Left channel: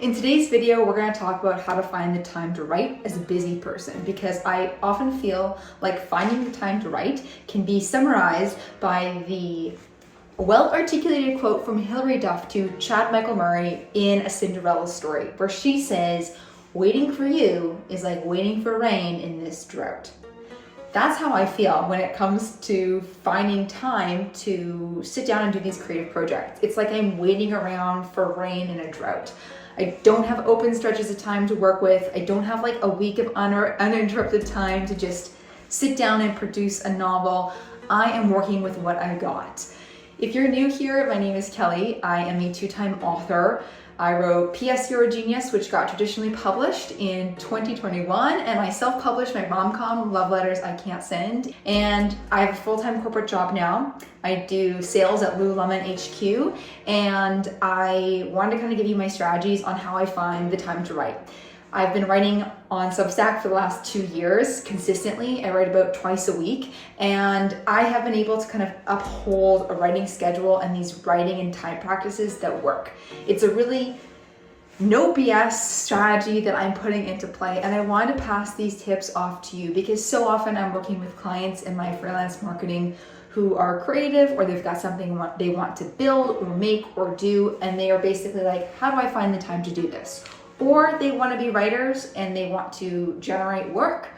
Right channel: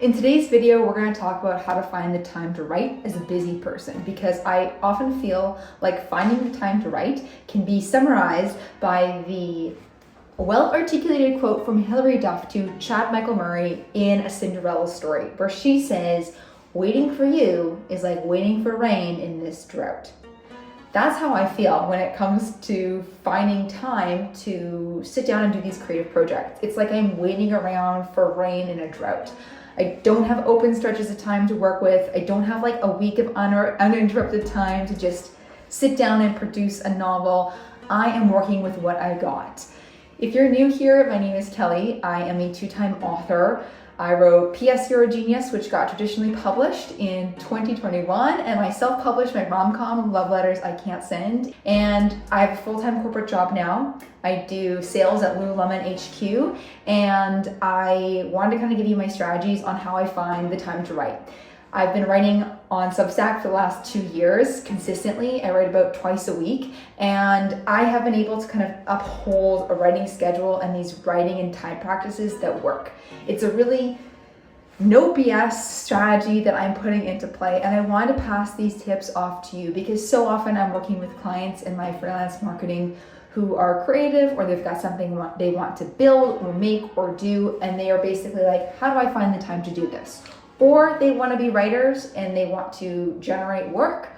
In today's video, we're going to talk about how to find the time to write as a busy person, because I often feel like finding the time to write can be summarized by the well-articulated quote from Hilary Duff to Chad Michael Murray in A Cinderella Story, where she says, "Waiting for you is like waiting for rain in this drought." That's how I feel when it comes to finding time to sit down and do these creative projects. It's like I'm waiting around for rain in a drought. I don't have open stretches of time to work with. I don't have like a week of uninterrupted time to just sit down and produce a novel. I am working with what I got. If you're new here, my name is Kelly. I am a two-time author. I wrote P.S. You're a Genius, which got traditionally published in 2021, and I self-published my rom-com, Love Letters I Can't Send. And I have a full-time corporate job now. I do sales at Lululemon HQ, and I wanted to kind of give you my strategies on how I find the time to write. I've been writing on Substack for the last 2 years consistently. I write about twice a week, and I have been able to kind of uphold a writing schedule and these writing and time practices that work. It's a really no BS strategy that I'm putting into play, and I wanted to pass these tips off to you because so often I'm working with clients in my freelance marketing who are creative, or they've got something they want to build or make or do, and they are basically like, how do I find the time to do this? Or they want to be writers and they want to generate work,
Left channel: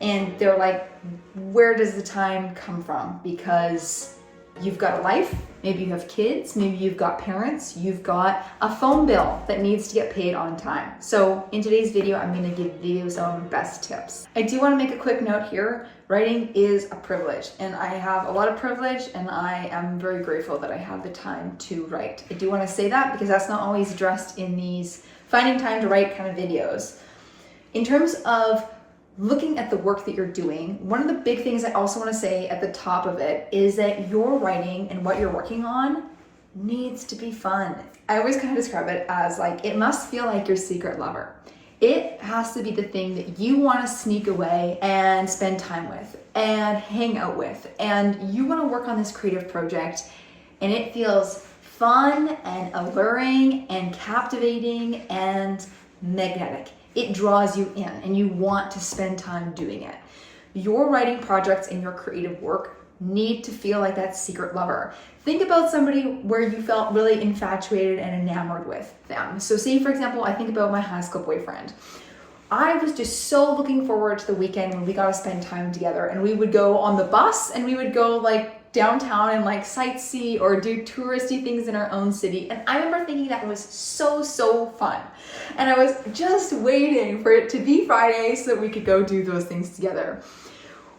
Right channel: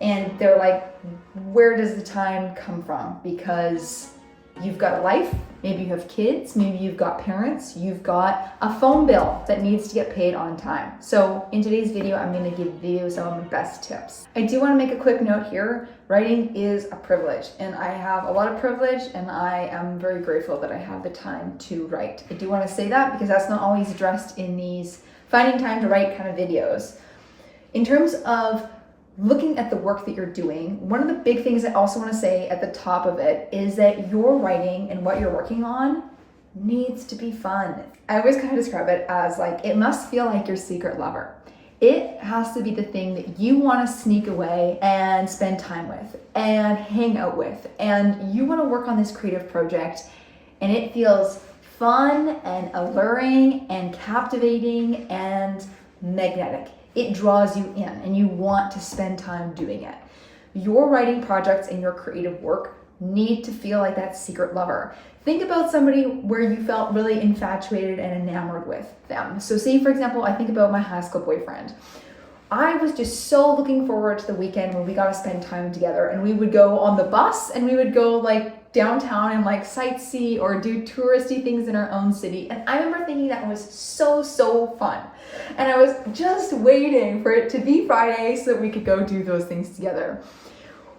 and they're like, where does the time come from? Because you've got a life, maybe you have kids, maybe you've got parents, you've got a phone bill that needs to get paid on time. So in today's video, I'm going to give you some of my best tips. I do want to make a quick note here. Writing is a privilege, and I have a lot of privilege, and I am very grateful that I have the time to write. I do want to say that because that's not always addressed in these finding time to write kind of videos. In terms of looking at the work that you're doing, one of the big things I also want to say at the top of it is that your writing and what you're working on needs to be fun. I always kind of describe it as like, it must feel like your secret lover. It has to be the thing that you want to sneak away and spend time with and hang out with. And you want to work on this creative project, and it feels fun and alluring and captivating and magnetic. It draws you in and you want to spend time doing it. Your writing projects and your creative work need to feel like that secret lover. Think about somebody where you felt really infatuated and enamored with them. So say, for example, I think about my high school boyfriend. I was just so looking forward to the weekend when we got to spend time together, and we would go on the bus and we would go like downtown and like sightsee or do touristy things in our own city. And I remember thinking that was so fun. And I was just waiting for it to be Friday so that we could go do those things together.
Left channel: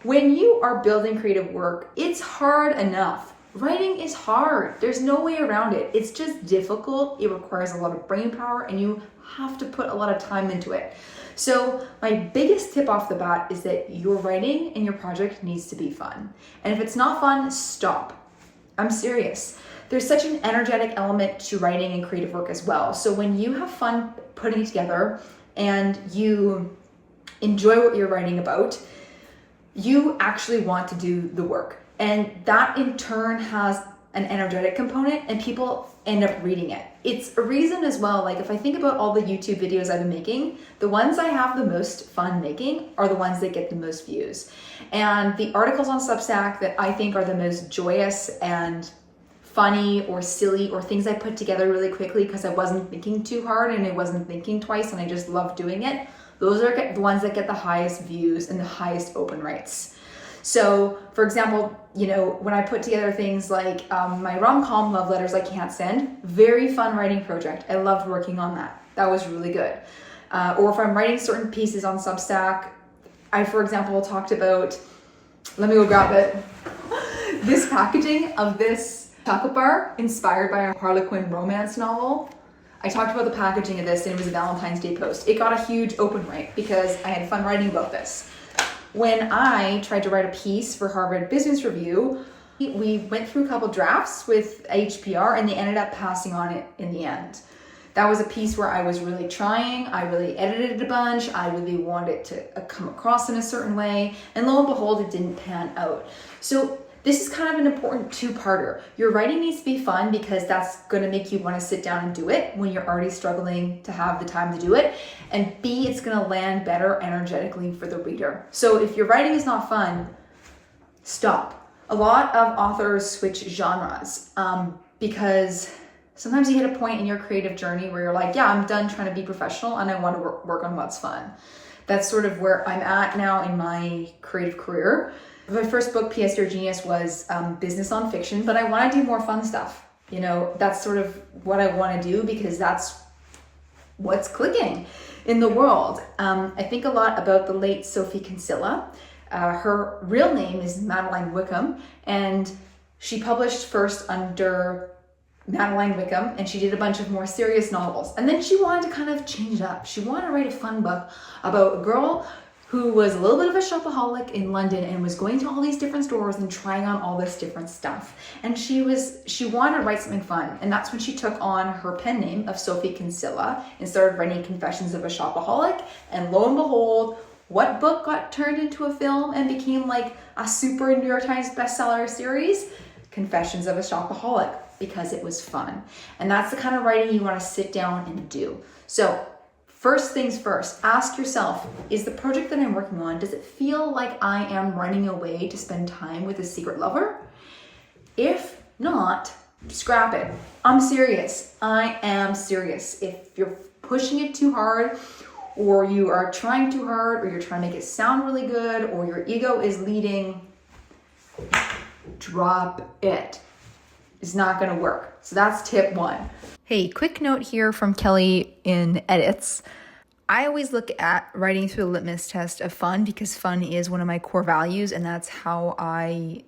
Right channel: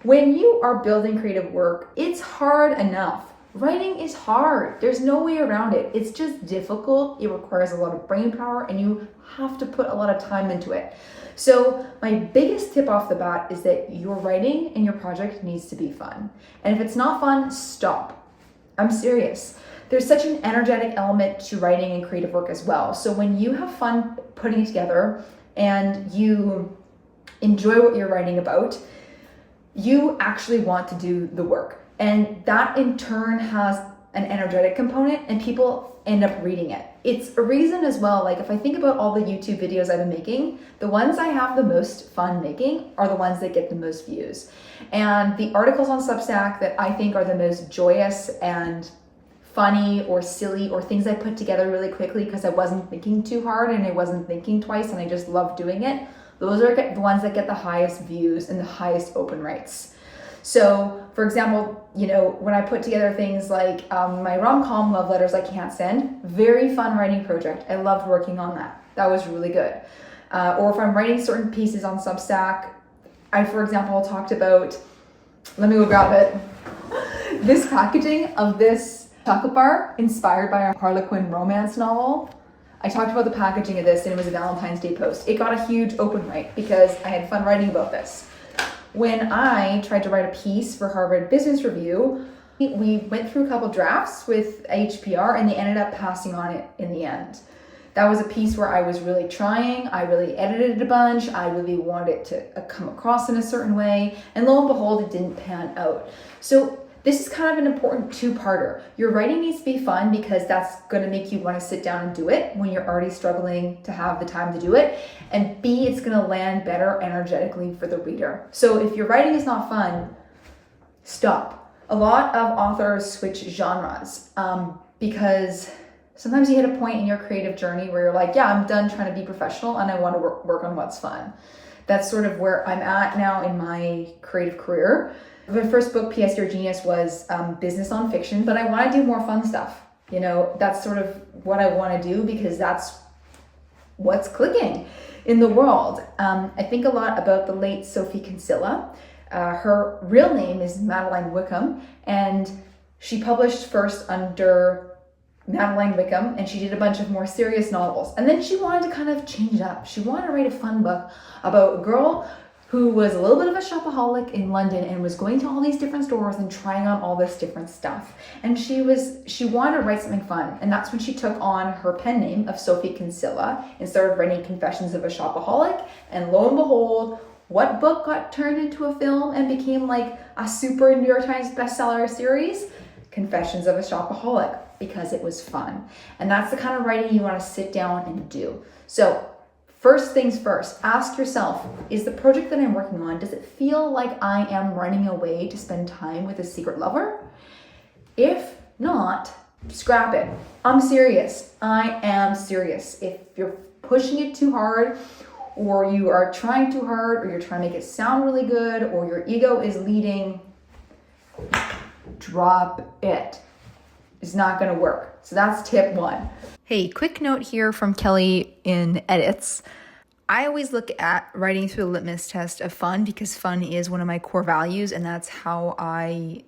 When you are building creative work, it's hard enough. Writing is hard. There's no way around it. It's just difficult. It requires a lot of brain power, and you have to put a lot of time into it. So my biggest tip off the bat is that your writing and your project needs to be fun. And if it's not fun, stop. I'm serious. There's such an energetic element to writing and creative work as well. So when you have fun putting it together and you enjoy what you're writing about, you actually want to do the work. And that in turn has an energetic component, and people end up reading it. It's a reason as well, like if I think about all the YouTube videos I've been making, the ones I have the most fun making are the ones that get the most views. And the articles on Substack that I think are the most joyous and funny or silly, or things I put together really quickly because I wasn't thinking too hard and I wasn't thinking twice and I just loved doing it, those are the ones that get the highest views and the highest open rates. So, for example, you know, when I put together things like my rom-com, Love Letters I Can't Send, very fun writing project. I loved working on that. That was really good. Or if I'm writing certain pieces on Substack, I, for example, talked about, let me go grab it, this packaging of this chocolate bar inspired by a Harlequin romance novel. I talked about the packaging of this, and it was a Valentine's Day post. It got a huge open rate because I had fun writing about this. When I tried to write a piece for Harvard Business Review, we went through a couple drafts with HBR, and they ended up passing on it in the end. That was a piece where I was really trying. I really edited it a bunch. I really wanted it to come across in a certain way. And lo and behold, it didn't pan out. So This is kind of an important two-parter. Your writing needs to be fun because that's going to make you want to sit down and do it when you're already struggling to have the time to do it. And B, it's going to land better energetically for the reader. So if your writing is not fun, stop. A lot of authors switch genres because sometimes you hit a point in your creative journey where you're like, yeah, I'm done trying to be professional and I want to work on what's fun. That's sort of where I'm at now in my creative career. My first book, P.S. Dear Genius, was business nonfiction, but I want to do more fun stuff. You know, that's sort of what I want to do because that's what's clicking in the world. I think a lot about the late Sophie Kinsella. Her real name is Madeline Wickham, and she published first under Madeline Wickham, and she did a bunch of more serious novels. And then she wanted to kind of change it up. She wanted to write a fun book about a girl who was a little bit of a shopaholic in London and was going to all these different stores and trying on all this different stuff. And she wanted to write something fun. And that's when she took on her pen name of Sophie Kinsella and started writing Confessions of a Shopaholic. And lo and behold, what book got turned into a film and became like a super New York Times bestseller series? Confessions of a Shopaholic, because it was fun. And that's the kind of writing you want to sit down and do. So first things first, ask yourself, is the project that I'm working on, does it feel like I am running away to spend time with a secret lover? If not, scrap it. I'm serious. I am serious. If you're pushing it too hard, or you are trying too hard, or you're trying to make it sound really good, or your ego is leading, drop it. It's not going to work. So that's tip one. Hey, quick note here from Kelly in edits. I always look at writing through the litmus test of fun because fun is one of my core values, and that's how I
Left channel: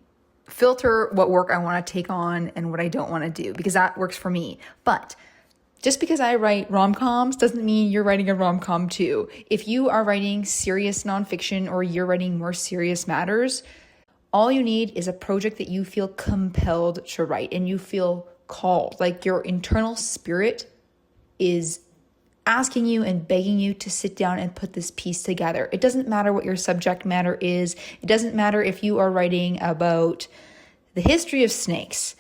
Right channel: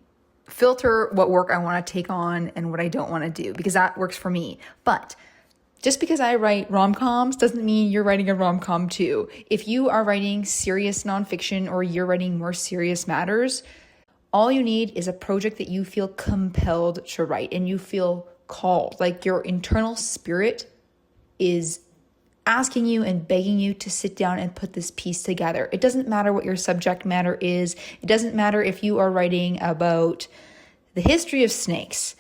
filter what work I want to take on and what I don't want to do, because that works for me. But just because I write rom-coms doesn't mean you're writing a rom-com too. If you are writing serious nonfiction or you're writing more serious matters, all you need is a project that you feel compelled to write and you feel called, like your internal spirit is asking you and begging you to sit down and put this piece together. It doesn't matter what your subject matter is. It doesn't matter if you are writing about the history of snakes.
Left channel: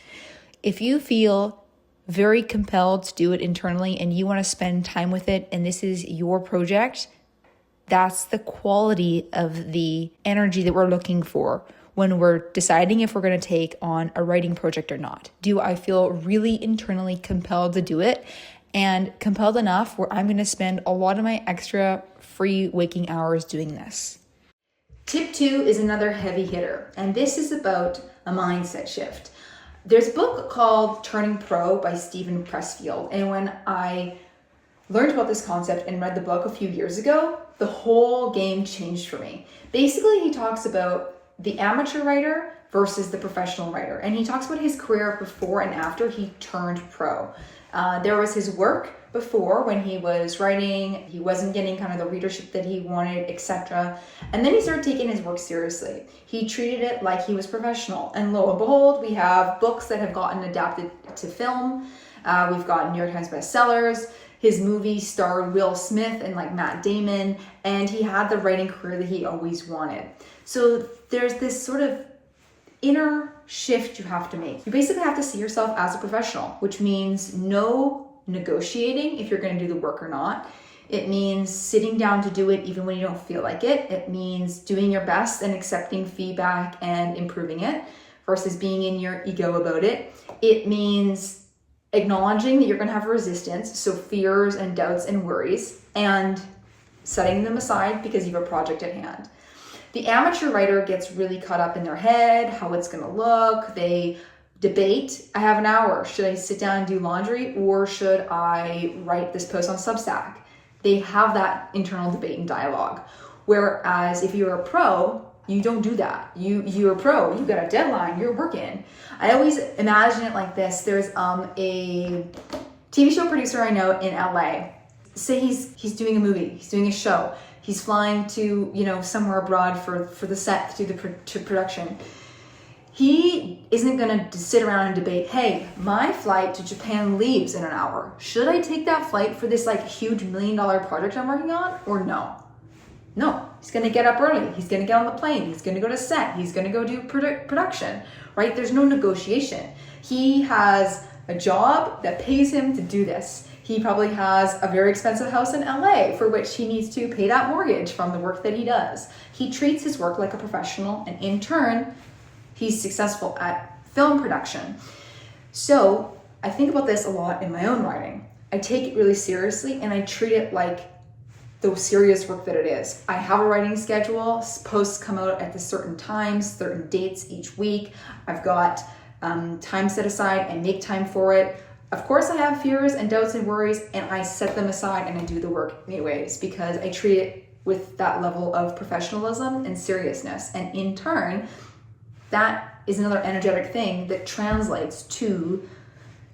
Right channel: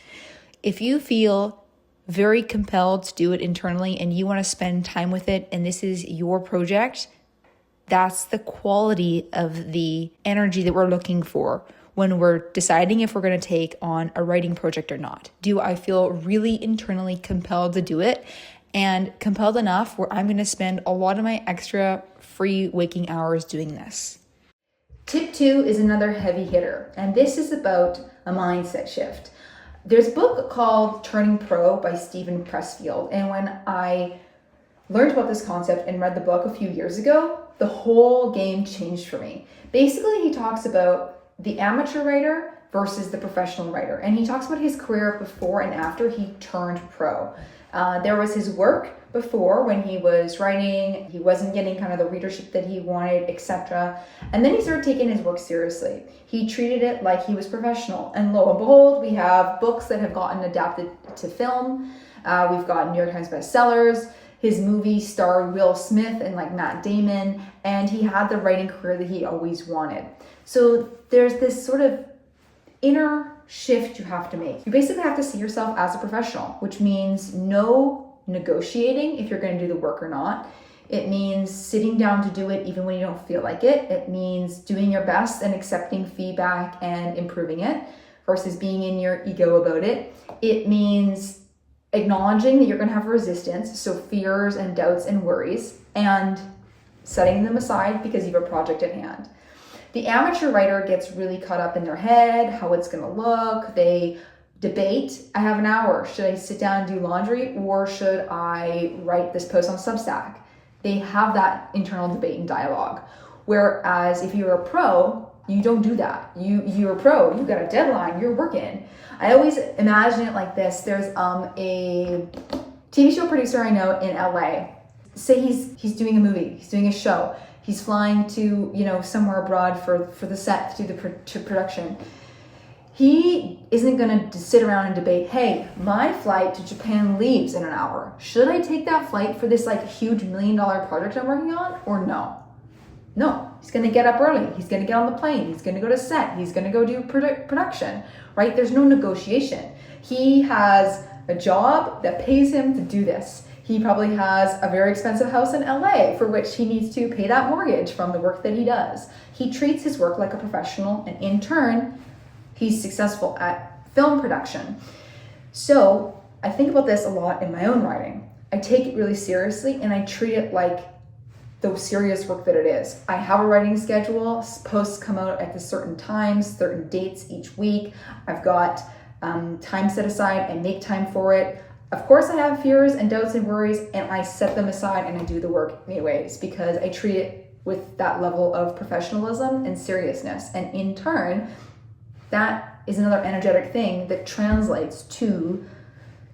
If you feel very compelled to do it internally and you want to spend time with it and this is your project, that's the quality of the energy that we're looking for when we're deciding if we're going to take on a writing project or not. Do I feel really internally compelled to do it, and compelled enough where I'm going to spend a lot of my extra free waking hours doing this? Tip 2 is another heavy hitter, and this is about a mindset shift. There's a book called Turning Pro by Steven Pressfield, and when I learned about this concept and read the book a few years ago, the whole game changed for me. Basically, he talks about the amateur writer versus the professional writer. And he talks about his career before and after he turned pro. There was his work before when he was writing, he wasn't getting kind of the readership that he wanted, etc. And then he started taking his work seriously. He treated it like he was professional. And lo and behold, we have books that have gotten adapted to film. We've got New York Times bestsellers. His movie starred Will Smith and like Matt Damon, and he had the writing career that he always wanted. So there's this sort of inner shift you have to make. You basically have to see yourself as a professional, which means no negotiating if you're going to do the work or not. It means sitting down to do it even when you don't feel like it. It means doing your best and accepting feedback and improving it versus being in your ego about it. It means acknowledging that you're going to have resistance, so fears and doubts and worries, and setting them aside because you have a project at hand. The amateur writer gets really caught up in their head, how it's going to look. They debate. I have an hour. Should I sit down and do laundry, or should I write this post on Substack? They have that internal debate and dialogue. Whereas if you're a pro, you don't do that. You're a pro. You've got a deadline. You're working. I always imagine it like this. There's a TV show producer I know in LA. Say he's doing a movie. He's doing a show. He's flying to, somewhere abroad for the set, to do the production. He isn't going to sit around and debate, hey, my flight to Japan leaves in an hour. Should I take that flight for this huge $1 million project I'm working on or no? No, he's going to get up early. He's going to get on the plane. He's going to go to set. He's going to go do production, right? There's no negotiation. He has a job that pays him to do this. He probably has a very expensive house in LA for which he needs to pay that mortgage from the work that he does. He treats his work like a professional, and in turn, he's successful at film production. So I think about this a lot in my own writing. I take it really seriously and I treat it like the serious work that it is. I have a writing schedule. Posts come out at the certain times, certain dates each week. I've got time set aside and make time for it. Of course, I have fears and doubts and worries, and I set them aside and I do the work anyways because I treat it with that level of professionalism and seriousness. And in turn, that is another energetic thing that translates to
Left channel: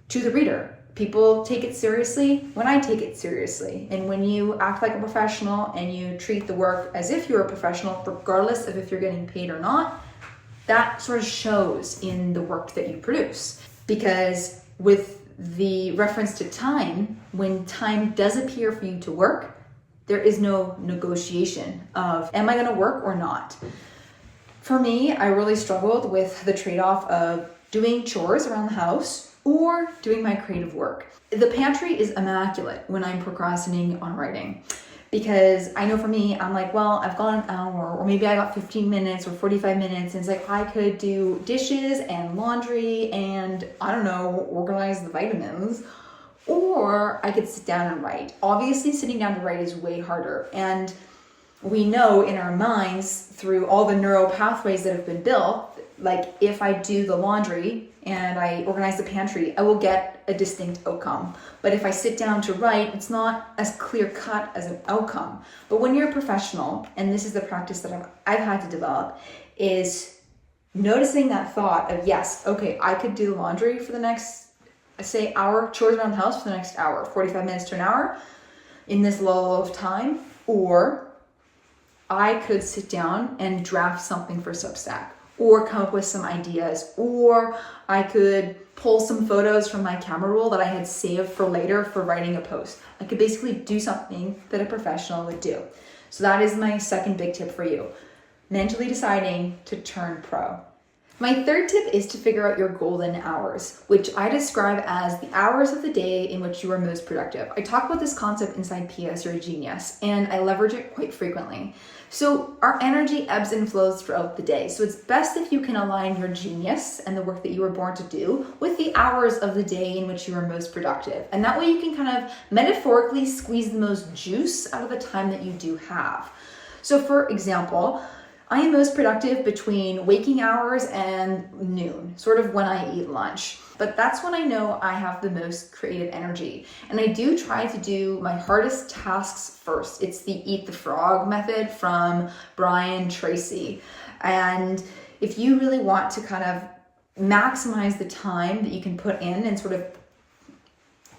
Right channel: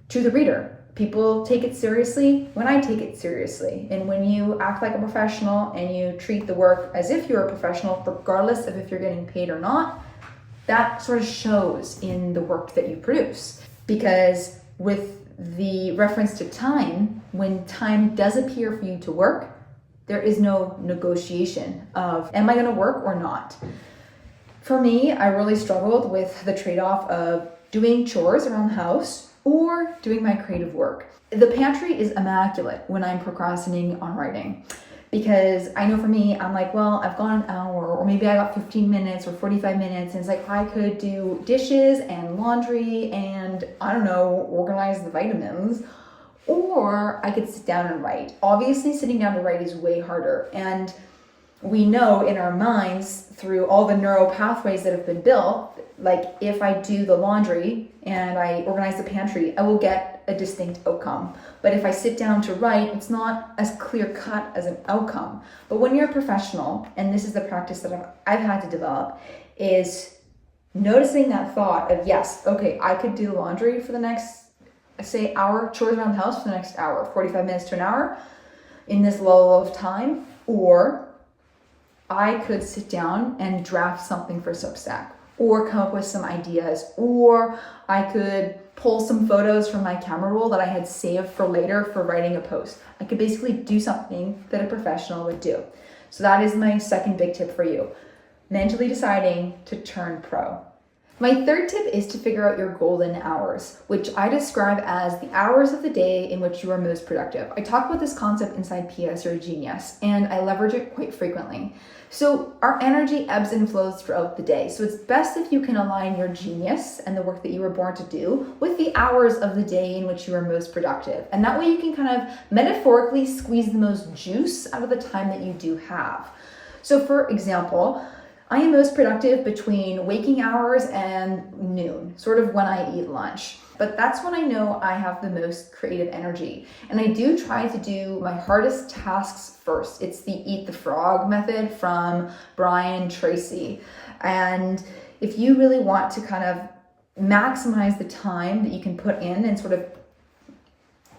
the reader. People take it seriously when I take it seriously. And when you act like a professional and you treat the work as if you're a professional, regardless of if you're getting paid or not, that sort of shows in the work that you produce. Because with the reference to time, when time does appear for you to work, there is no negotiation of, am I gonna work or not? For me, I really struggled with the trade-off of doing chores around the house or doing my creative work. The pantry is immaculate when I'm procrastinating on writing because I know for me, I'm like, well, I've got an hour or maybe I got 15 minutes or 45 minutes. And it's like, I could do dishes and laundry and I don't know, organize the vitamins, or I could sit down and write. Obviously, sitting down to write is way harder. And we know in our minds through all the neural pathways that have been built, like if I do the laundry and I organize the pantry, I will get a distinct outcome. But if I sit down to write, it's not as clear cut as an outcome. But when you're a professional, and this is the practice that I've had to develop, is noticing that thought of, yes, okay, I could do the laundry for the next, say, hour, chores around the house for the next hour, 45 minutes to an hour in this lull of time, or I could sit down and draft something for Substack, or come up with some ideas, or I could pull some photos from my camera roll that I had saved for later for writing a post. I could basically do something that a professional would do. So that is my second big tip for you, mentally deciding to turn pro. My third tip is to figure out your golden hours, which I describe as the hours of the day in which you are most productive. I talk about this concept inside PS You're a Genius, and I leverage it quite frequently. So our energy ebbs and flows throughout the day. So it's best if you can align your genius and the work that you were born to do with the hours of the day in which you are most productive. And that way you can kind of metaphorically squeeze the most juice out of the time that you do have. So for example, I am most productive between waking hours and noon, sort of when I eat lunch. But that's when I know I have the most creative energy. And I do try to do my hardest tasks first. It's the eat the frog method from Brian Tracy. And if you really want to kind of maximize the time that you can put in and sort of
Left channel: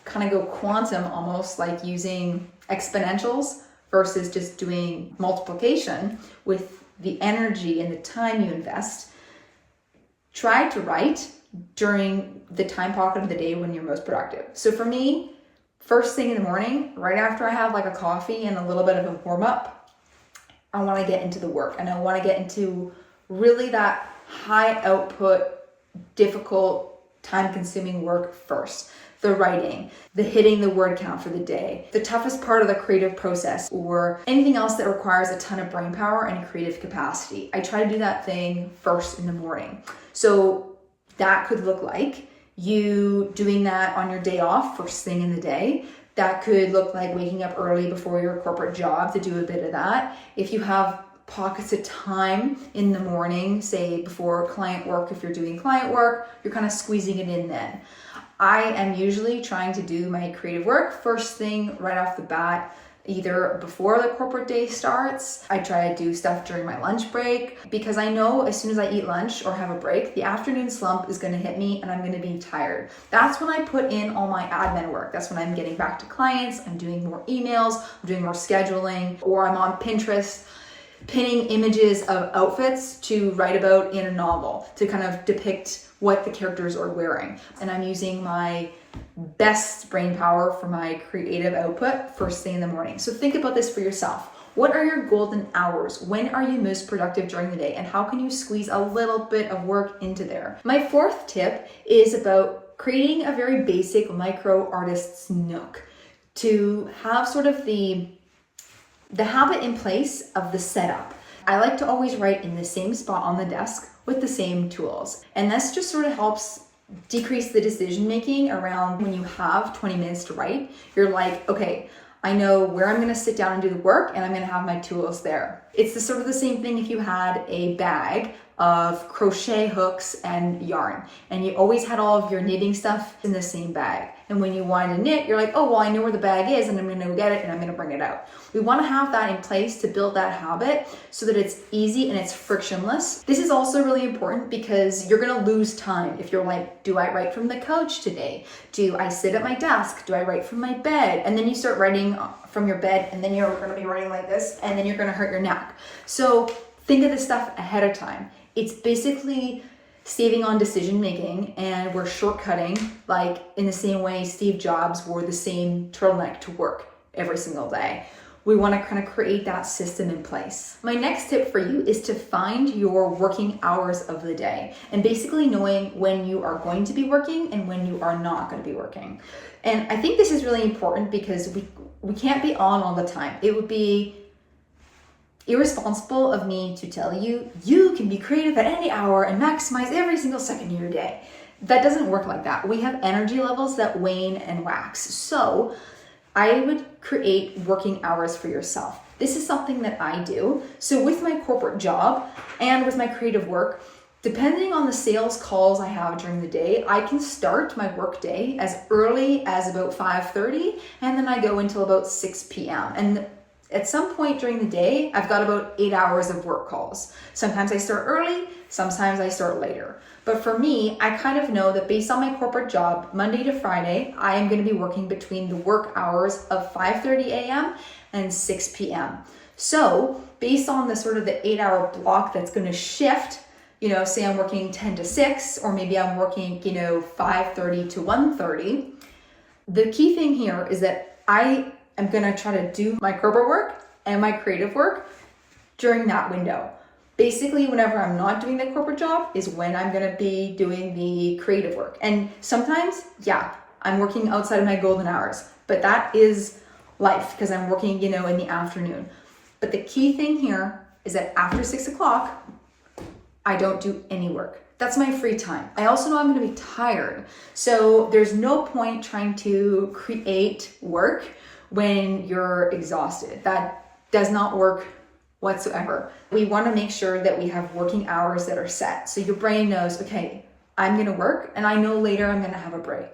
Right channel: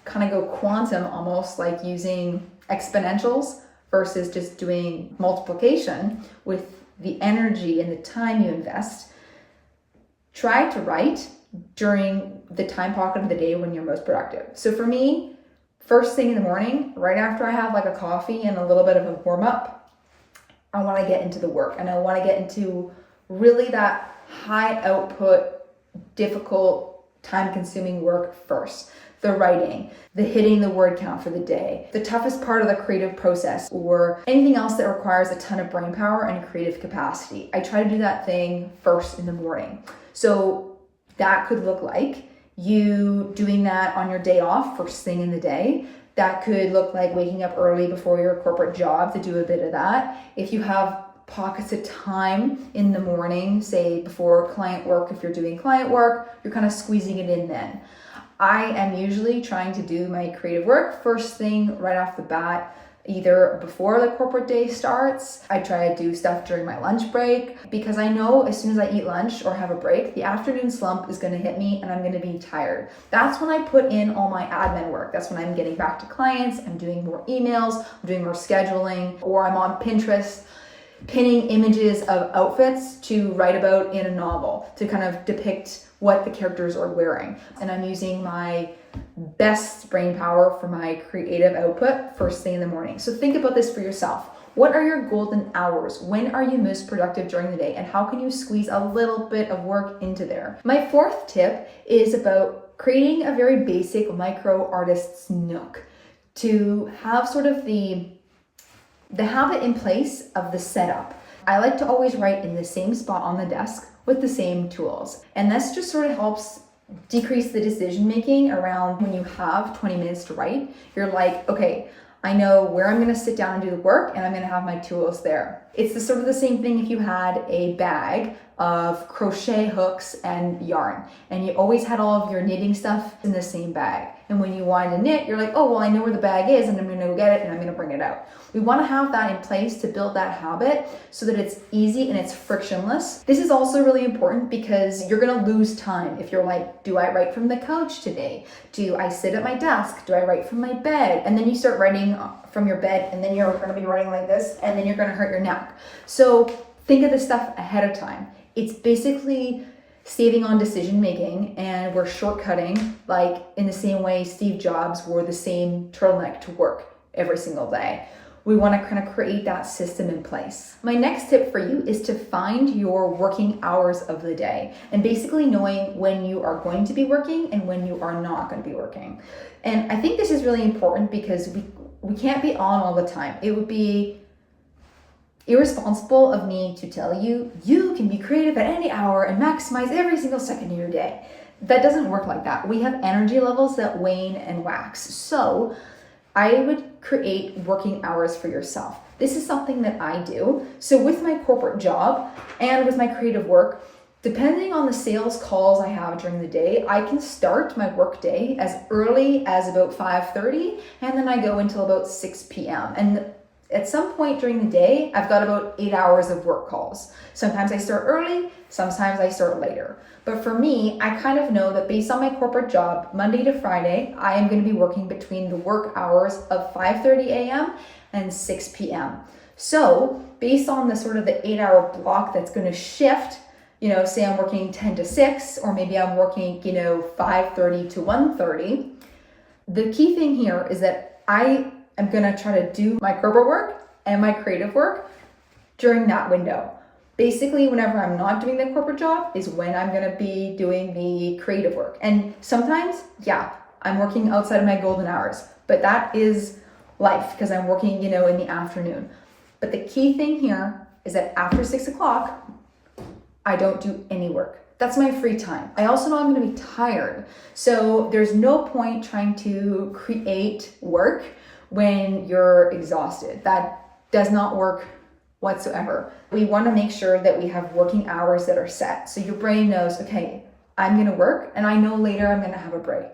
kind of go quantum, almost like using exponentials versus just doing multiplication with the energy and the time you invest, try to write during the time pocket of the day when you're most productive. So for me, first thing in the morning, right after I have like a coffee and a little bit of a warm up, I want to get into the work, and I want to get into really that high output, difficult, time consuming work first. The writing, the hitting the word count for the day, the toughest part of the creative process, or anything else that requires a ton of brain power and creative capacity. I try to do that thing first in the morning. So that could look like you doing that on your day off, first thing in the day. That could look like waking up early before your corporate job to do a bit of that. If you have pockets of time in the morning, say before client work, if you're doing client work, you're kind of squeezing it in then. I am usually trying to do my creative work first thing right off the bat, either before the corporate day starts. I try to do stuff during my lunch break because I know as soon as I eat lunch or have a break, the afternoon slump is going to hit me and I'm going to be tired. That's when I put in all my admin work. That's when I'm getting back to clients, I'm doing more emails, I'm doing more scheduling, or I'm on Pinterest pinning images of outfits to write about in a novel to kind of depict what the characters are wearing. And I'm using my best brain power for my creative output first thing in the morning. So think about this for yourself. What are your golden hours? When are you most productive during the day? And how can you squeeze a little bit of work into there? My fourth tip is about creating a very basic micro artist's nook to have sort of the habit in place of the setup. I like to always write in the same spot on the desk with the same tools. And this just sort of helps decrease the decision making around when you have 20 minutes to write. You're like, okay, I know where I'm gonna sit down and do the work, and I'm gonna have my tools there. It's sort of the same thing if you had a bag of crochet hooks and yarn, and you always had all of your knitting stuff in the same bag. And when you wanted to knit, you're like, oh, well, I know where the bag is, and I'm gonna go get it, and I'm gonna bring it out. We wanna have that in place to build that habit so that it's easy and it's frictionless. This is also really important because you're gonna lose time if you're like, do I write from the couch today? Do I sit at my desk? Do I write from my bed? And then you start writing from your bed, and then you're gonna be writing like this, and then you're gonna hurt your neck. So think of this stuff ahead of time. It's basically saving on decision making, and we're shortcutting, like in the same way Steve Jobs wore the same turtleneck to work every single day. We want to kind of create that system in place. My next tip for you is to find your working hours of the day, and basically knowing when you are going to be working and when you are not going to be working. And I think this is really important because we can't be on all the time. It would be irresponsible of me to tell you, you can be creative at any hour and maximize every single second of your day. That doesn't work like that. We have energy levels that wane and wax. So I would create working hours for yourself. This is something that I do. So with my corporate job and with my creative work, depending on the sales calls I have during the day, I can start my work day as early as about 5:30, and then I go until about 6 p.m. And at some point during the day, I've got about 8 hours of work calls. Sometimes I start early, sometimes I start later. But for me, I kind of know that based on my corporate job, Monday to Friday, I am going to be working between the work hours of 5:30 a.m. and 6 p.m. So based on the sort of the 8-hour block that's going to shift, say I'm working 10 to 6, or maybe I'm working, 5:30 to 1:30. The key thing here is that I'm gonna try to do my corporate work and my creative work during that window. Basically, whenever I'm not doing the corporate job is when I'm gonna be doing the creative work. And sometimes, I'm working outside of my golden hours, but that is life because I'm working, in the afternoon. But the key thing here is that after 6 o'clock, I don't do any work. That's my free time. I also know I'm gonna be tired. So there's no point trying to create work when you're exhausted. That does not work whatsoever. We want to make sure that we have working hours that are set. So your brain knows, okay, I'm going to work and I know later I'm going to have a break.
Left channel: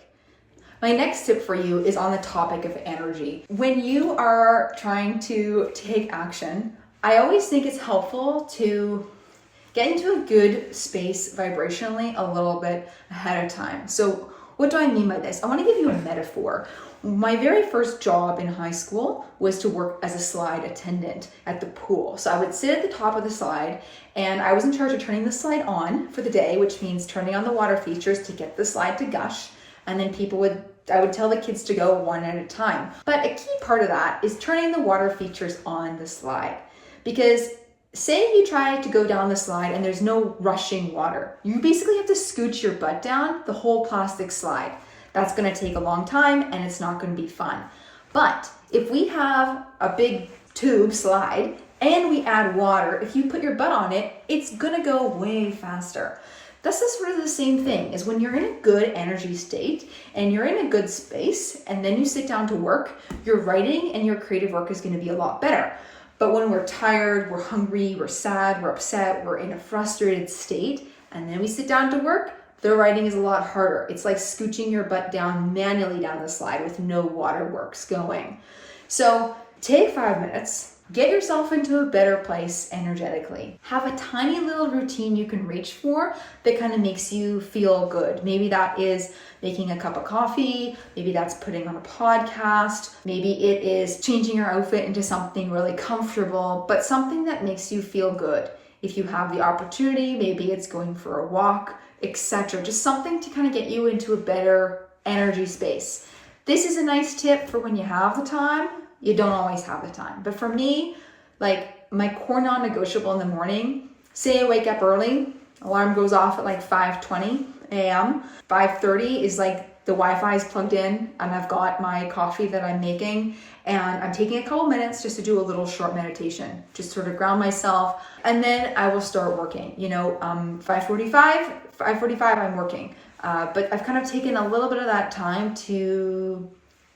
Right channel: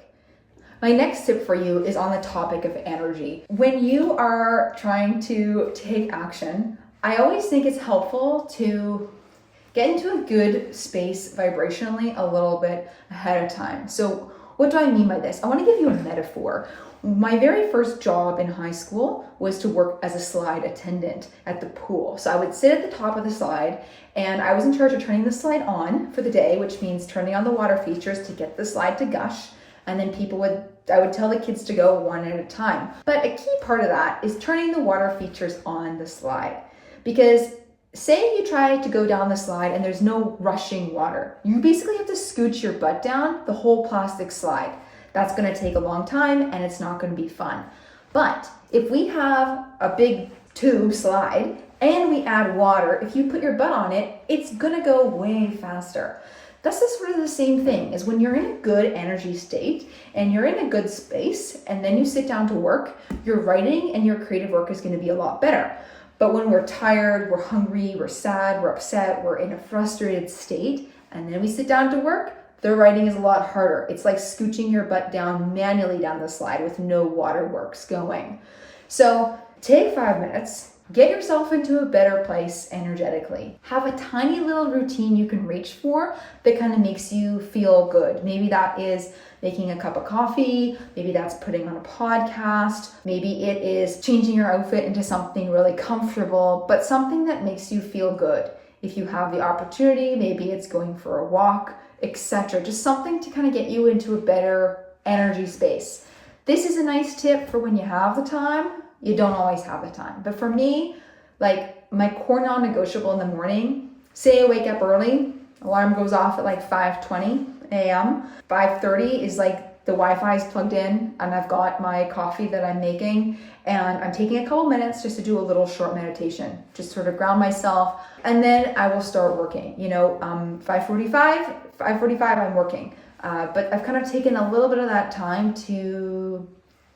My next tip for you is on the topic of energy. When you are trying to take action, I always think it's helpful to get into a good space vibrationally a little bit ahead of time. So what do I mean by this? I want to give you a metaphor. My very first job in high school was to work as a slide attendant at the pool. So I would sit at the top of the slide, and I was in charge of turning the slide on for the day, which means turning on the water features to get the slide to gush. And then I would tell the kids to go one at a time. But a key part of that is turning the water features on the slide. Because say you try to go down the slide and there's no rushing water. You basically have to scooch your butt down the whole plastic slide. That's going to take a long time and it's not going to be fun. But if we have a big tube slide and we add water, if you put your butt on it, it's going to go way faster. That's sort of the same thing as when you're in a good energy state and you're in a good space and then you sit down to work, your writing and your creative work is going to be a lot better. But when we're tired, we're hungry, we're sad, we're upset, we're in a frustrated state, and then we sit down to work, the writing is a lot harder. It's like scooching your butt down manually down the slide with no waterworks going. So take 5 minutes, get yourself into a better place energetically. Have a tiny little routine you can reach for that kind of makes you feel good. Maybe that is making a cup of coffee. Maybe that's putting on a podcast. Maybe it is changing your outfit into something really comfortable, but something that makes you feel good. If you have the opportunity, maybe it's going for a walk, etc. Just something to kind of get you into a better energy space. This is a nice tip for when you have the time. You don't always have the time. But for me, Like my core non-negotiable in the morning, say I wake up early, alarm goes off at like 5:20 a.m. 5:30 is like the Wi-Fi is plugged in and I've got my coffee that I'm making and I'm taking a couple minutes just to do a little short meditation, just sort of ground myself, and then I will start working. 5:45 I'm working, but I've kind of taken a little bit of that time to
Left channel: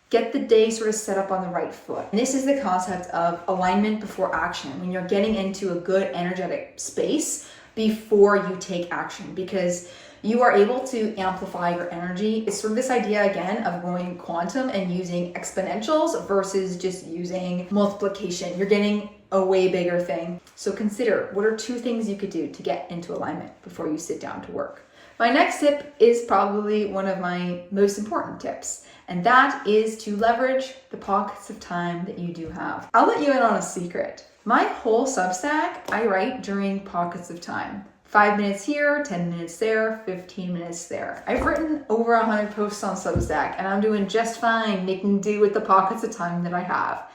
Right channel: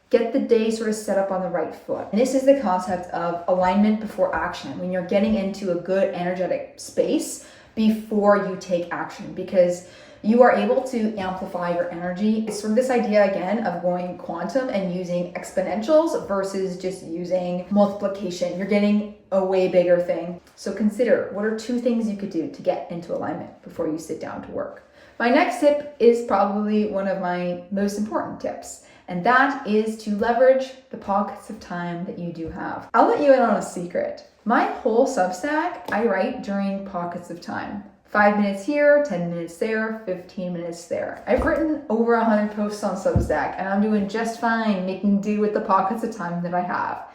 get the day sort of set up on the right foot. And this is the concept of alignment before action, when you're getting into a good energetic space before you take action, because you are able to amplify your energy. It's sort of this idea again of going quantum and using exponentials versus just using multiplication. You're getting a way bigger thing. So consider, what are 2 things you could do to get into alignment before you sit down to work? My next tip is probably one of my most important tips, and that is to leverage the pockets of time that you do have. I'll let you in on a secret. My whole Substack, I write during pockets of time. 5 minutes here, 10 minutes there, 15 minutes there. I've written over 100 posts on Substack and I'm doing just fine making do with the pockets of time that I have.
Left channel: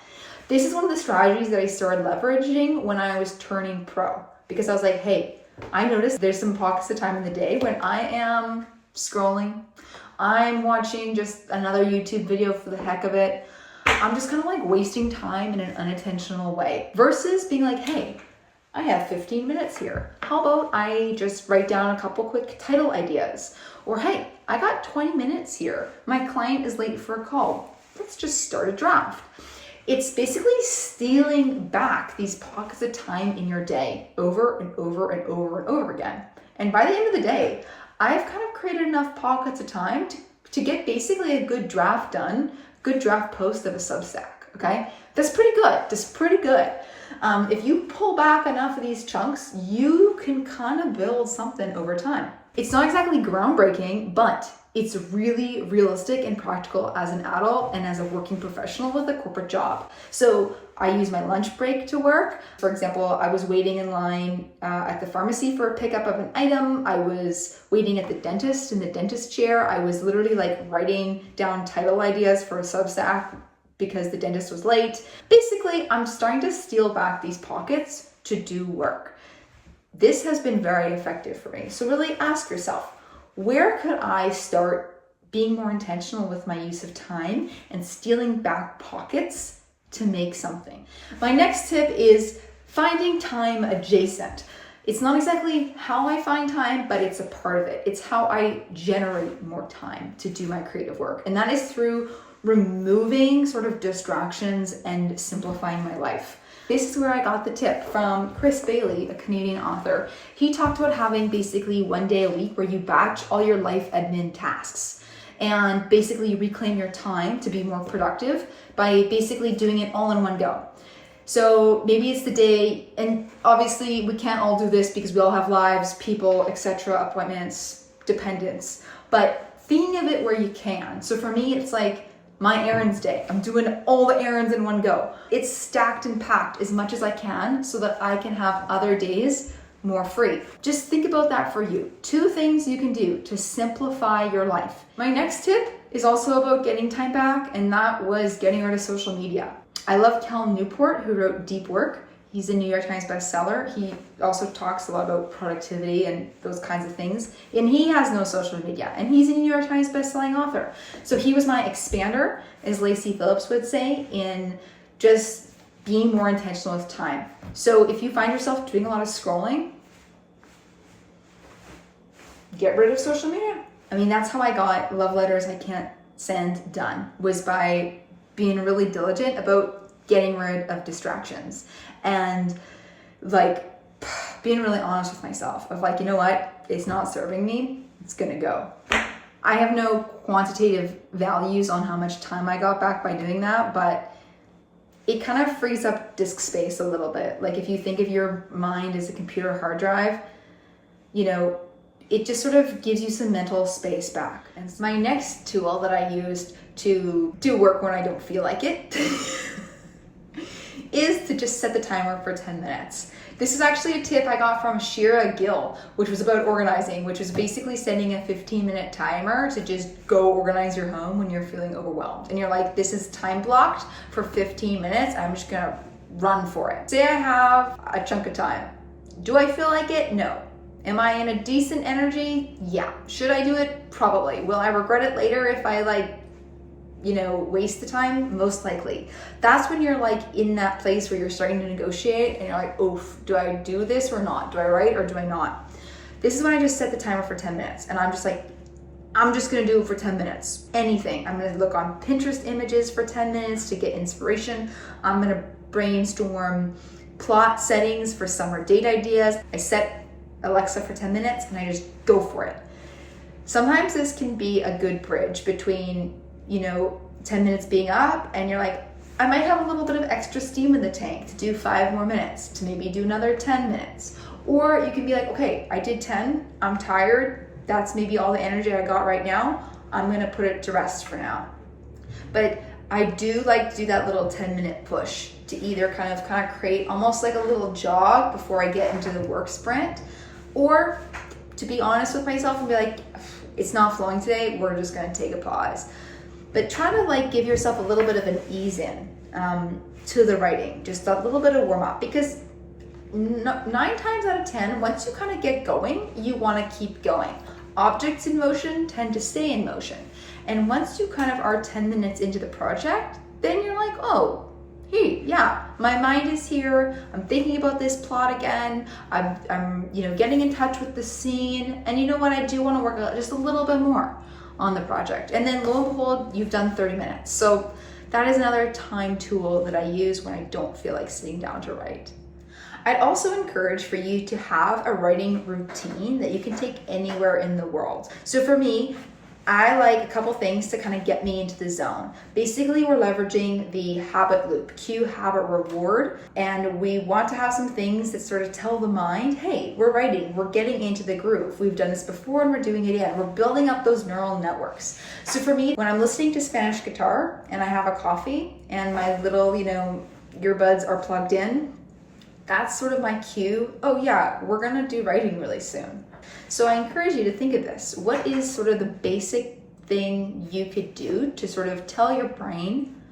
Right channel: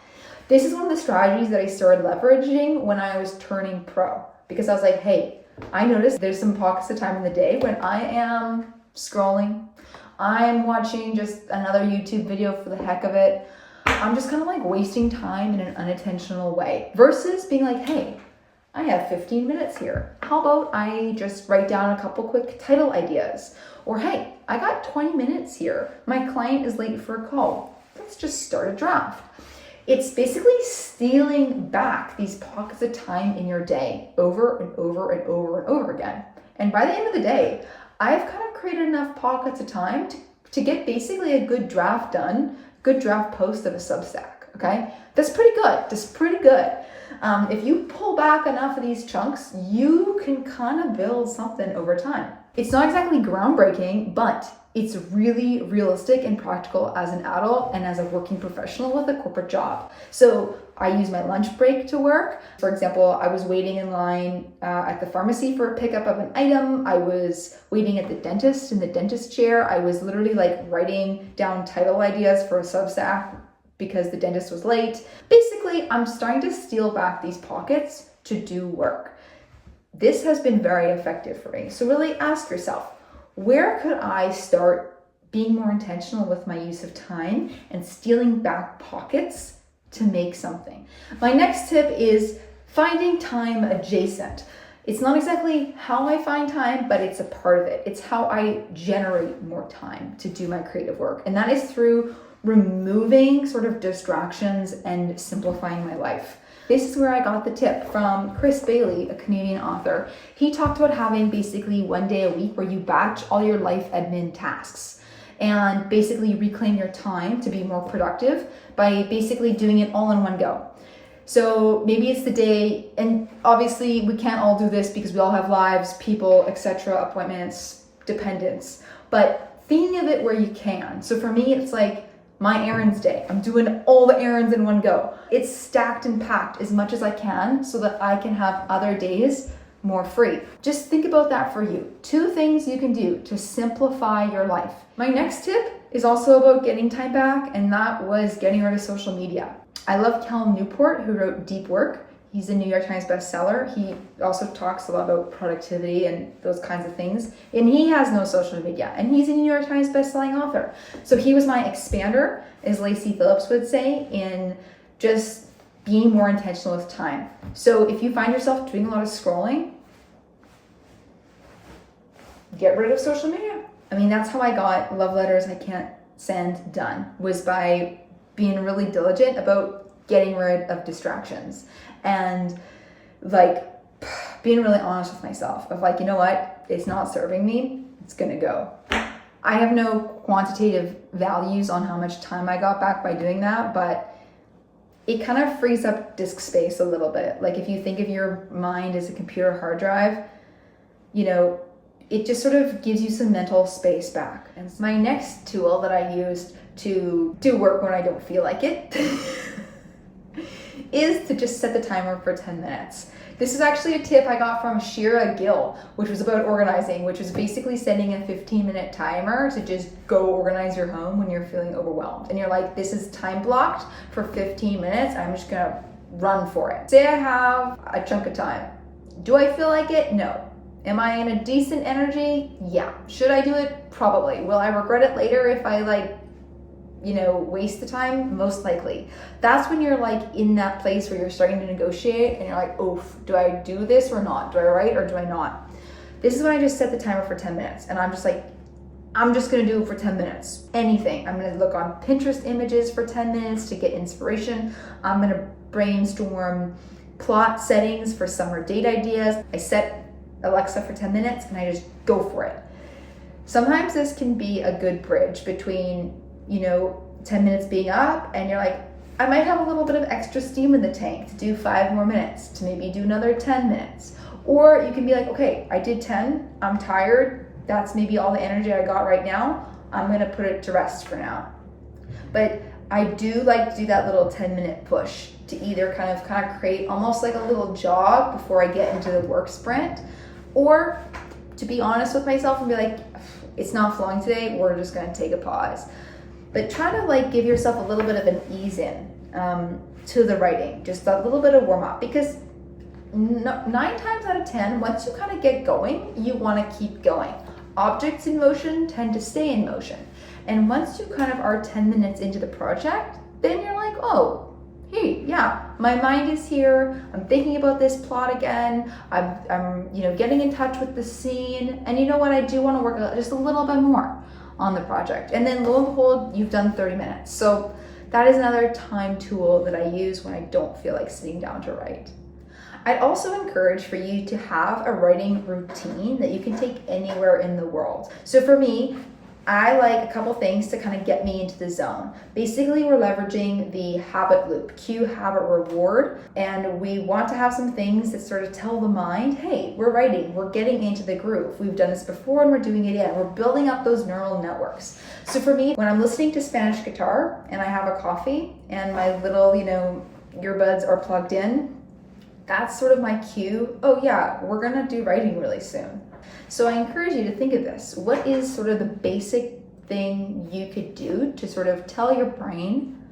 This is one of the strategies that I started leveraging when I was turning pro, because I was like, hey, I noticed there's some pockets of time in the day when I am scrolling, I'm watching just another YouTube video for the heck of it. I'm just kind of like wasting time in an unintentional way versus being like, hey, I have 15 minutes here. How about I just write down a couple quick title ideas? Or hey, I got 20 minutes here. My client is late for a call. Let's just start a draft. It's basically stealing back these pockets of time in your day over and over and over and over again. And by the end of the day, I've kind of created enough pockets of time to get basically a good draft done, good draft post of a Substack, okay? That's pretty good. If you pull back enough of these chunks, you can kind of build something over time. It's not exactly groundbreaking, but it's really realistic and practical as an adult and as a working professional with a corporate job. So I use my lunch break to work. For example, I was waiting in line at the pharmacy for a pickup of an item. I was waiting at the dentist in the dentist chair. I was literally like writing down title ideas for a Substack because the dentist was late. Basically, I'm starting to steal back these pockets to do work. This has been very effective for me. So really ask yourself, where could I start being more intentional with my use of time and stealing back pockets to make something? My next tip is finding time adjacent. It's not exactly how I find time, but it's a part of it. It's how I generate more time to do my creative work. And that is through removing sort of distractions and simplifying my life. This is where I got the tip from Chris Bailey, a Canadian author. He talked about having basically 1 day a week where you batch all your life admin tasks and basically reclaim your time to be more productive by basically doing it all in one go. So maybe it's the day, and obviously we can't all do this because we all have lives, people, etc., appointments, dependents, but think of it where you can. So for me, it's like my errands day. I'm doing all the errands in one go. It's stacked and packed as much as I can so that I can have other days more free. Just think about that for you. 2 things you can do to simplify your life. My next tip is also about getting time back, and that was getting rid of social media. I love Cal Newport, who wrote Deep Work. He's a New York Times bestseller. He also talks a lot about productivity and those kinds of things. And he has no social media. And he's a New York Times bestselling author. So he was my expander, as Lacey Phillips would say, in just being more intentional with time. So if you find yourself doing a lot of scrolling, get rid of social media. I mean, that's how I got Love Letters I Can't Send done, was by being really diligent about getting rid of distractions and like being really honest with myself of like, you know what, it's not serving me, it's gonna go. I have no quantitative values on how much time I got back by doing that, but it kind of frees up disk space a little bit. Like if you think of your mind as a computer hard drive, you know, it just sort of gives you some mental space back. And my next tool that I used to do work when I don't feel like it is to just set the timer for 10 minutes. This is actually a tip I got from Shira Gill, which was about organizing, which is basically setting a 15-minute timer to just go organize your home when you're feeling overwhelmed. And you're like, this is time blocked for 15 minutes. I'm just gonna run for it. Say I have a chunk of time. Do I feel like it? No. Am I in a decent energy? Yeah. Should I do it? Probably. Will I regret it later if I waste the time? Most likely. That's when you're like in that place where you're starting to negotiate and you're like, oof, do I do this or not? Do I write or do I not? This is when I just set the timer for 10 minutes and I'm just like, I'm just gonna do it for 10 minutes. Anything. I'm gonna look on Pinterest images for 10 minutes to get inspiration. I'm gonna brainstorm plot settings for summer date ideas. I set Alexa for 10 minutes and I just go for it. Sometimes this can be a good bridge between 10 minutes being up and you're like, I might have a little bit of extra steam in the tank to do 5 more minutes, to maybe do another 10 minutes. Or you can be like, okay, I did 10, I'm tired, that's maybe all the energy I got right now, I'm gonna put it to rest for now. But I do like to do that little 10-minute push to either kind of create almost like a little jog before I get into the work sprint, or to be honest with myself and be like, it's not flowing today, we're just gonna take a pause. But try to give yourself a little bit of an ease in to the writing, just a little bit of warm up, because 9 times out of 10, once you kind of get going, you want to keep going. Objects in motion tend to stay in motion. And once you kind of are 10 minutes into the project, then you're like, oh, hey, yeah, my mind is here. I'm thinking about this plot again. I'm getting in touch with the scene. And you know what? I do want to work just a little bit more on the project. And then lo and behold, you've done 30 minutes. So that is another time tool that I use when I don't feel like sitting down to write. I'd also encourage for you to have a writing routine that you can take anywhere in the world. So for me, I like a couple things to kind of get me into the zone. Basically, we're leveraging the habit loop, cue, habit, reward, and we want to have some things that sort of tell the mind, hey, we're writing, we're getting into the groove. We've done this before and we're doing it again. We're building up those neural networks. So for me, when I'm listening to Spanish guitar and I have a coffee and my little, earbuds are plugged in, that's sort of my cue. Oh yeah, we're gonna do writing really soon. So I encourage you to think of this. What is sort of the basic thing you could do to sort of tell your brain,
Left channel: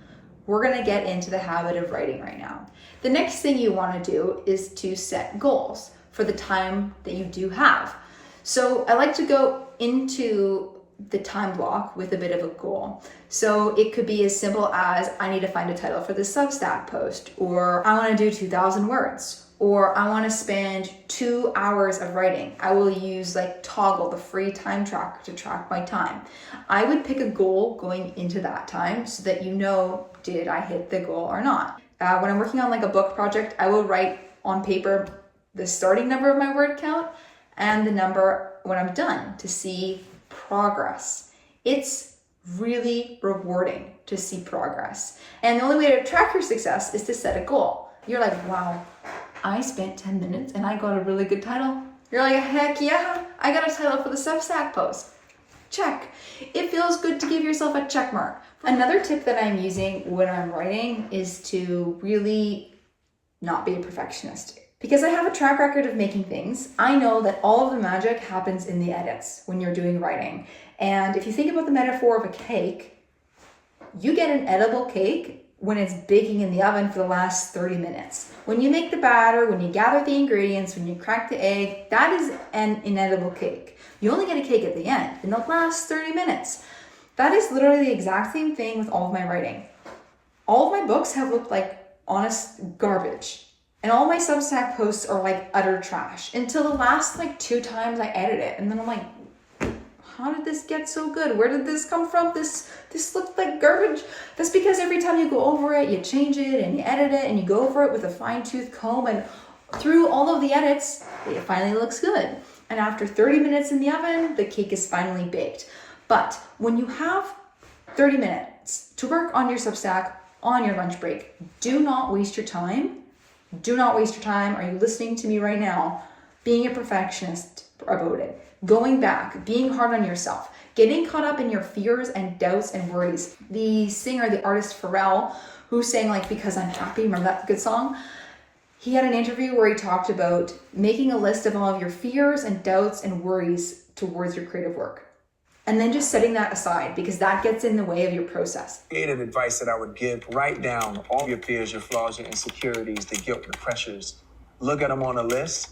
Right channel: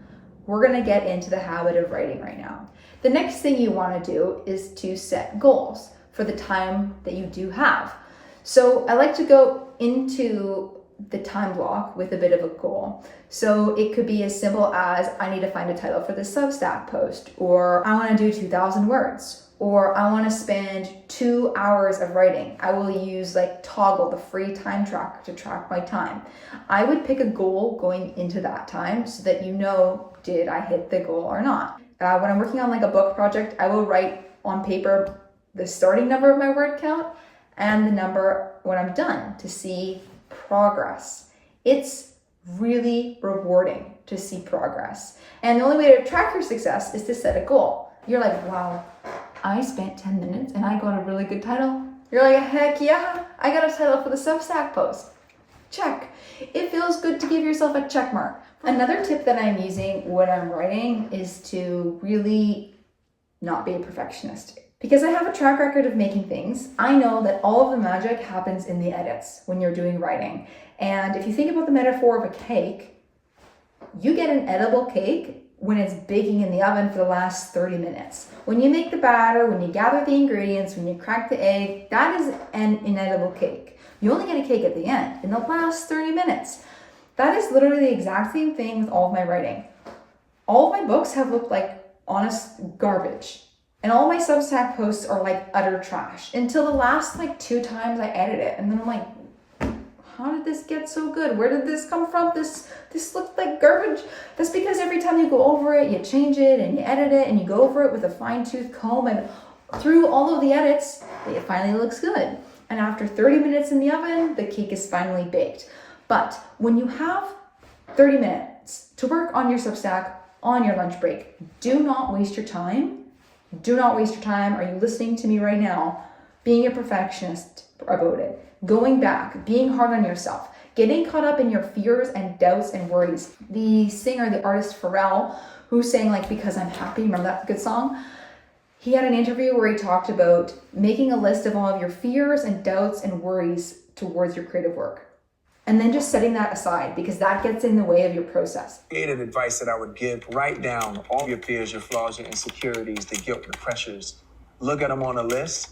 we're gonna get into the habit of writing right now? The next thing you wanna do is to set goals for the time that you do have. So I like to go into the time block with a bit of a goal. So it could be as simple as, I need to find a title for this Substack post, or I want to do 2,000 words, or I want to spend 2 hours of writing. I will use Toggle, the free time tracker, to track my time. I would pick a goal going into that time so that did I hit the goal or not? When I'm working on a book project, I will write on paper the starting number of my word count and the number when I'm done to see progress. It's really rewarding to see progress. And the only way to track your success is to set a goal. You're like, wow, I spent 10 minutes and I got a really good title. You're like, heck yeah, I got a title for the Substack post. Check. It feels good to give yourself a check mark. Another tip that I'm using when I'm writing is to really not be a perfectionist. Because I have a track record of making things, I know that all of the magic happens in the edits when you're doing writing. And if you think about the metaphor of a cake, you get an edible cake when it's baking in the oven for the last 30 minutes. When you make the batter, when you gather the ingredients, when you crack the egg, that is an inedible cake. You only get a cake at the end, in the last 30 minutes. That is literally the exact same thing with all of my writing. All of my books have looked like honest garbage. And all my Substack posts are utter trash until the last 2 times I edit it. And then I'm like, how did this get so good? Where did this come from? This looked like garbage. That's because every time you go over it, you change it and you edit it and you go over it with a fine-tooth comb, and through all of the edits, it finally looks good. And after 30 minutes in the oven, the cake is finally baked. But when you have 30 minutes to work on your Substack on your lunch break, do not waste your time. Do not waste your time. Are you listening to me right now? Being a perfectionist about it. Going back, being hard on yourself, getting caught up in your fears and doubts and worries. The singer, the artist Pharrell, who sang Because I'm Happy, remember that good song? He had an interview where he talked about making a list of all of your fears and doubts and worries towards your creative work. and then just setting that aside because that gets in the way of your process. Creative advice that I would give: write down all your fears, your flaws, your insecurities, the guilt, the pressures. Look at them on a list.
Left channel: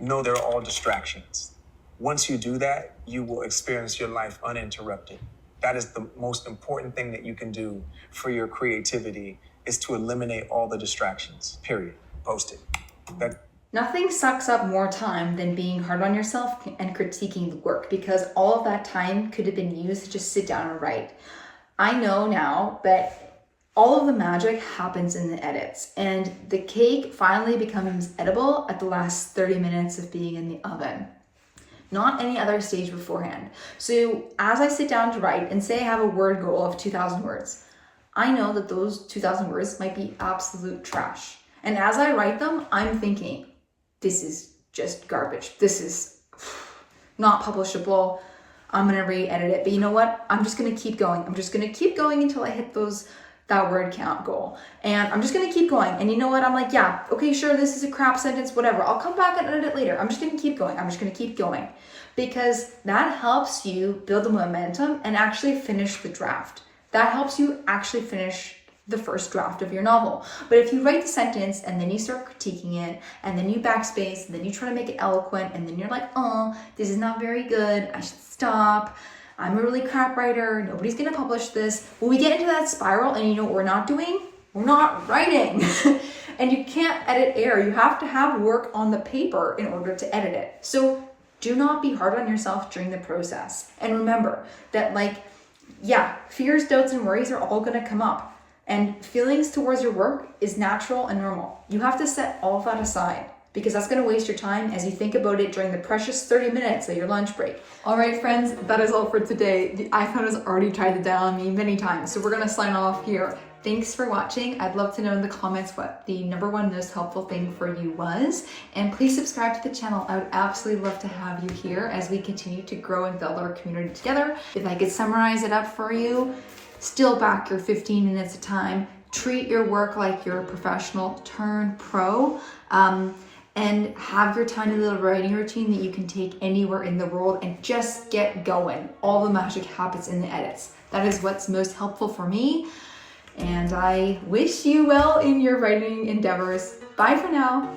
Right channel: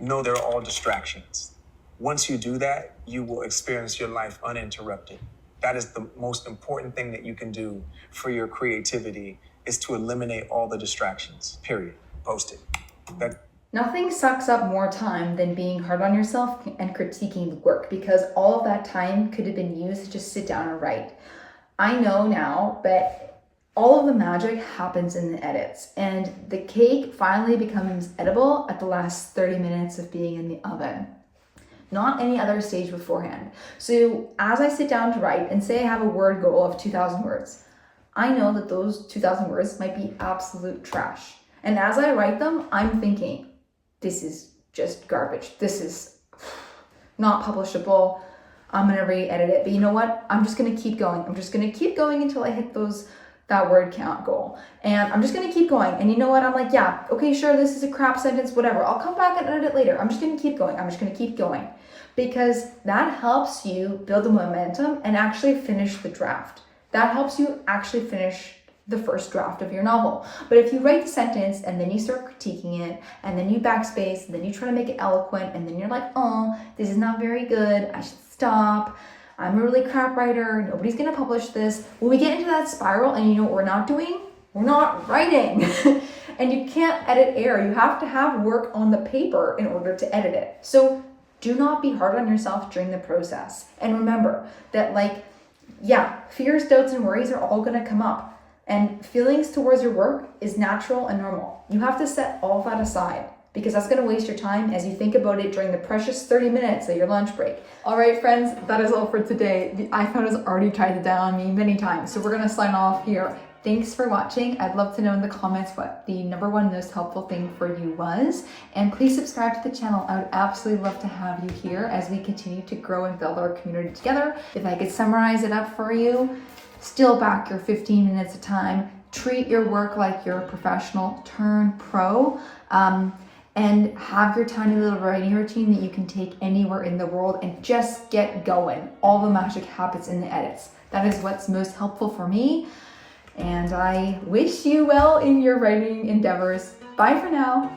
Know they're all distractions. Once you do that, you will experience your life uninterrupted. That is the most important thing that you can do for your creativity, is to eliminate all the distractions, period. Post it. Nothing sucks up more time than being hard on yourself and critiquing the work, because all of that time could have been used to just sit down and write. I know now, but all of the magic happens in the edits, and the cake finally becomes edible at the last 30 minutes of being in the oven, not any other stage beforehand. So as I sit down to write, and say I have a word goal of 2,000 words, I know that those 2,000 words might be absolute trash. And as I write them, I'm thinking, this is just garbage. This is not publishable. I'm gonna re-edit it. But you know what? I'm just gonna keep going. I'm just gonna keep going until I hit that word count goal. And I'm just gonna keep going. And you know what? I'm like, yeah, okay, sure, this is a crap sentence, whatever. I'll come back and edit it later. I'm just gonna keep going. I'm just gonna keep going. Because that helps you build the momentum and actually finish the draft. That helps you actually finish the first draft of your novel. But if you write the sentence and then you start critiquing it, and then you backspace, and then you try to make it eloquent, and then you're like, oh, this is not very good, I should stop, I'm a really crap writer, nobody's gonna publish this. When we get into that spiral, and you know what we're not doing? We're not writing. And you can't edit air. You have to have work on the paper in order to edit it. So do not be hard on yourself during the process. And remember that, like, yeah, fears, doubts, and worries are all gonna come up. And feelings towards your work is natural and normal. You have to set all of that aside, because that's gonna waste your time as you think about it during the precious 30 minutes of your lunch break. All right, friends, that is all for today. The iPhone has already tried to dial on me many times, so we're gonna sign off here. Thanks for watching. I'd love to know in the comments what the #1 most helpful thing for you was. And please subscribe to the channel. I would absolutely love to have you here as we continue to grow and build our community together. If I could summarize it up for you: steal back your 15 minutes of time, treat your work like you're a professional, turn pro, and have your tiny little writing routine that you can take anywhere in the world and just get going. All the magic happens in the edits. That is what's most helpful for me. And I wish you well in your writing endeavors. Bye for now.